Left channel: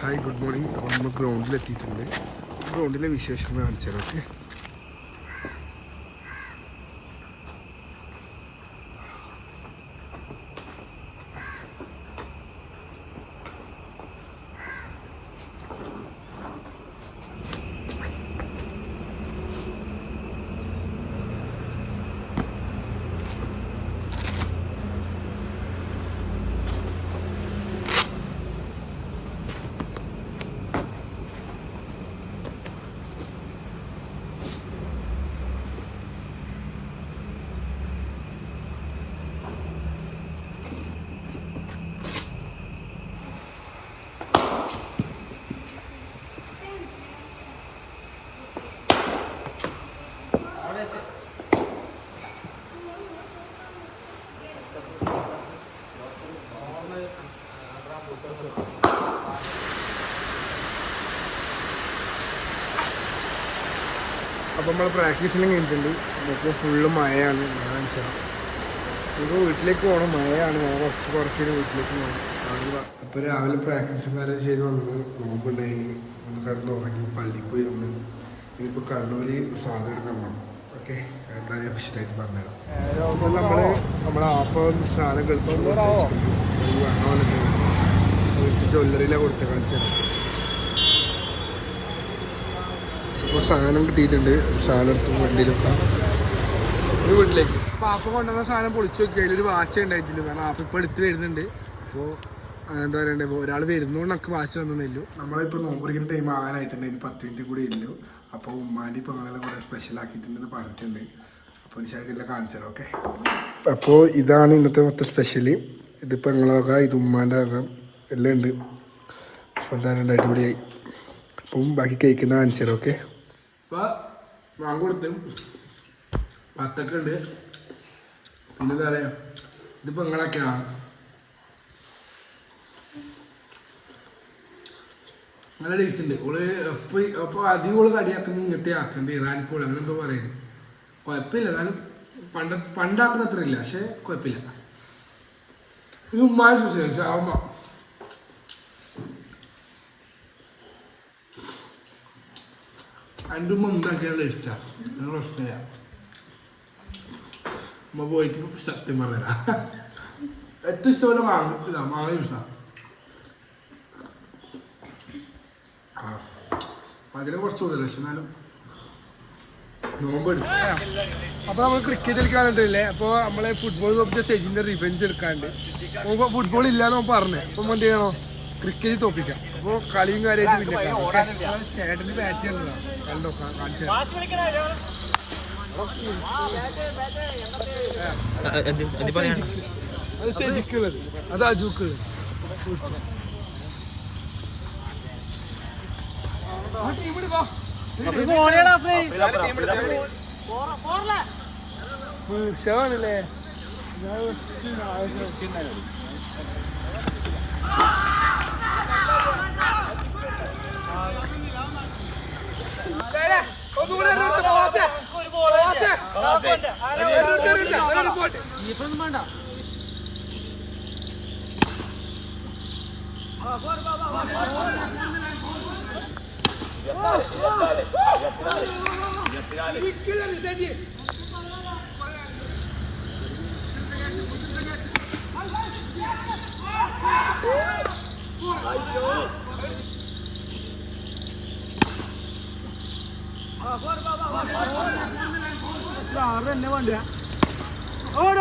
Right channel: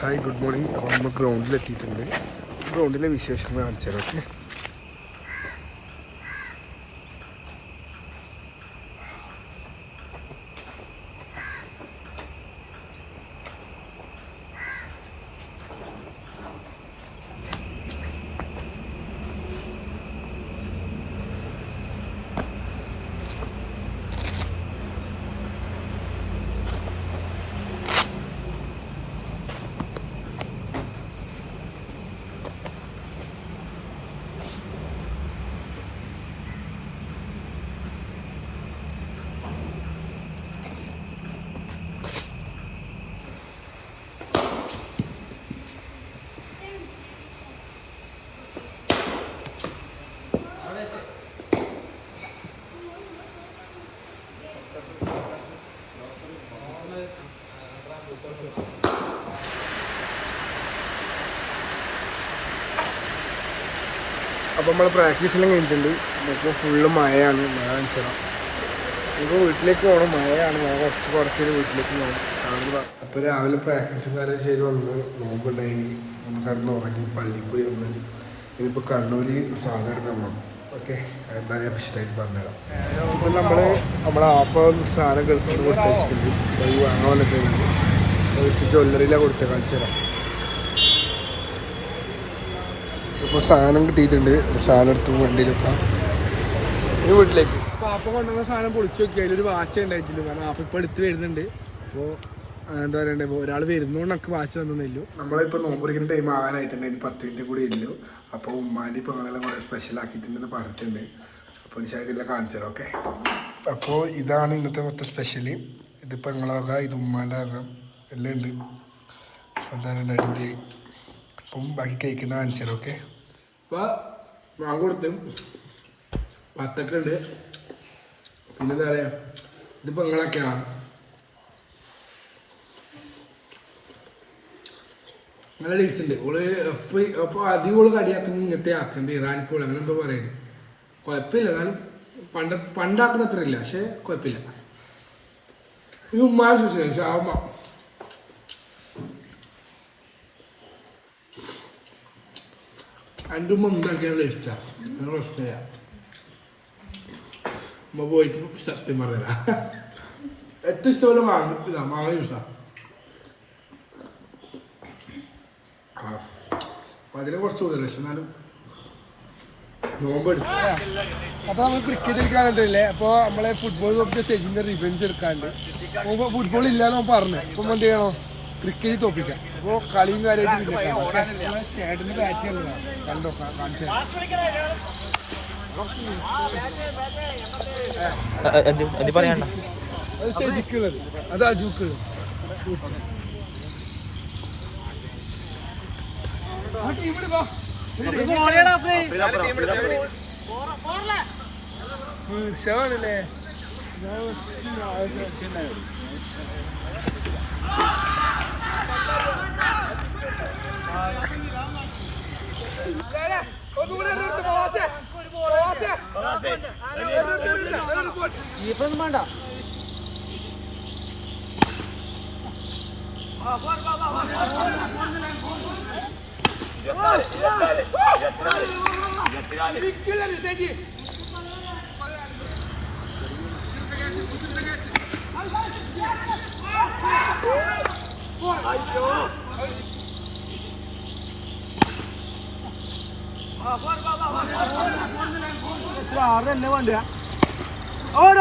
Hi good morning. അപ്പോൾ നമ്മൾ ഗ്രൗണ്ടിലെത്തിയിട്ടുണ്ട്. ഗ്രൗണ്ടിലെ വിശേഷങ്ങൾ കാണിച്ചു തരാം. ഓക്കെ, അപ്പോൾ നമ്മൾ പ്രാക്ടീസെല്ലാം കഴിഞ്ഞിട്ടുണ്ട്. ഇപ്പോൾ ഫുള്ള് മഴയാണ്. മഴ കാണിച്ചു തരാം. ഇപ്പോൾ വീട്ടിലേക്ക് പോകണം. മഴയാണ്. മഴ കുറച്ച് വീട്ടിലേക്ക് പോകണം. അപ്പോൾ രാവിലെ പ്രാക്ടീസും കാര്യം ചെയ്ത് വന്ന് നോമ്പുണ്ടായിനി. നമ്മൾ കിടന്ന് ഉറങ്ങി പള്ളിയിൽ പോയി വന്ന് ഇനിയിപ്പോൾ കണ്ണൂർ സാധനം എടുക്കാൻ പോകണം. ഓക്കെ, എന്തായാലും വിശദമായിട്ട് പറഞ്ഞുതരാം. അപ്പോൾ നമ്മളെ ആപ്പം സാധനം ഗൾഫിൽ കൊടുത്തയച്ചിട്ടുണ്ട്. അത് വാങ്ങാൻ വന്നിട്ടുണ്ട്. വീട്ടിൽ ജ്വല്ലറിയിലാണ് കൊടുത്ത കാണിച്ചു തരാം. ഇപ്പോൾ സാധനം കിട്ടിയിട്ടുണ്ട്. സാധനം എടുത്ത് വണ്ടിയിൽ വെക്കാം. ഇനി വീട്ടിലേക്ക്. അപ്പോൾ ആപ്പം കൊണ്ടുവന്ന സാധനം പൊളിച്ച് നോക്കി. അതിലൊരു വാച്ച് ഉണ്ടായിട്ടില്ല. കാരണം ആപ്പം ഇപ്പോൾ എടുത്ത് വരുന്നുണ്ട്. അപ്പോൾ എന്താ പറയണ്ടേ, ഇപ്പോൾ ഒരാൾ വരുന്നതുകൊണ്ട് നമുക്ക് വാച്ച് തന്നില്ലല്ലോ. നമ്മളിപ്പോൾ നോമ്പുറിക്കുന്ന ടൈം ആകാനായിട്ടുണ്ട്. ഇനി 10 മിനിറ്റ് കൂടി ഇല്ലല്ലോ. അപ്പോൾ ഉമ്മാൻ്റെ ഇപ്പോൾ അങ്ങനെ കുറേ സ്പെഷ്യൽ ആക്കിയിട്ടുണ്ടെന്ന് പറഞ്ഞിട്ടുണ്ട്. അപ്പോൾ എനിക്കെല്ലാം കാണിച്ചു തരാം. ഓക്കെ, അപ്പോൾ ഇതാണ് ഇന്നത്തെ മൊത്തം സ്പെഷ്യൽ. ഇതിപ്പോൾ ഞങ്ങളാകാം, ഇത് ഉമ്മാൻ്റെ ആകാം, എല്ലാം ഉണ്ട്. അപ്പോൾ എന്തായാലും അടിപൊളിയായി. അപ്പം ബാക്കി കേൾക്കുന്ന കാണിച്ചു തരാം. ഓക്കെ, അപ്പോൾ മാങ്ങ കൊടുത്ത് വത്തക്കുണ്ട്. പിന്നെ എന്താ പറയുക, ഇതിപ്പോൾ നിങ്ങളൊക്കെയാണ് നല്ല ടേസ്റ്റ് ഉണ്ട്. ഓള് അപ്പോൾ അധികം ഓള് കടിയാക്കുന്ന ഇങ്ങനത്തെ ആക്കുന്നുണ്ട്. ഇറാനിപ്പോൾ അങ്ങനെ എന്തോ പറയുന്നത് കുഴപ്പമില്ല. എന്നാലും പണ്ടാക്കുന്ന അത്ര ഇല്ല, പക്ഷെ കുഴപ്പമില്ല. ഇത് ഉമ്മായ ഷാമ എൻ്റെ ഉമ്മ ഉണ്ടാക്കിയാൽ ഇഷ്ടമാണ്. നിങ്ങൾ ഇഷ്ടമാണ്. ഉമ്മ പോയിട്ട് സത്യം പറഞ്ഞാ ഏറ്റവും ഇഷ്ടപോലെ മാങ്ങ ജ്യൂസാണ്. അതിനെ കുറച്ച് കൂടുതൽ, പക്ഷെ എന്നാലും നോമ്പെടുക്കും. അപ്പോൾ നമ്മൾ ക്രിക്കറ്റ് കളിക്കാനിട്ടില്ലേ. അപ്പോൾ നമ്മളെ ഫുട്ബോൾ തോപ്പിച്ച സ്റ്റേജിൻ്റെ റിവെഞ്ച് എടുക്കാണ്ട്. അപ്പോൾ ഫുട്ബോൾ ഇല്ലാന്ന് പറഞ്ഞു. അപ്പം എന്ത് ചെയ്യണോ, ക്രിക്കറ്റ് തോപ്പിക്കാം. അപ്പോൾ കളിയും കാര്യമായിട്ട് പിന്നെ കാണാം. ഓക്കെ, ചേട്ടന് ബാറ്റ് ചെയ്യുന്നതാണ്. കണ്ടോ, കാണിച്ചു അത് ശരിക്കുള്ളത്, അത് അജൂക്കുള്ളത്. ഷാണല്ലേ ഇപ്പൊന്നും വേണ്ട. ആറ് തന്നെ വേണ്ട. ഓടി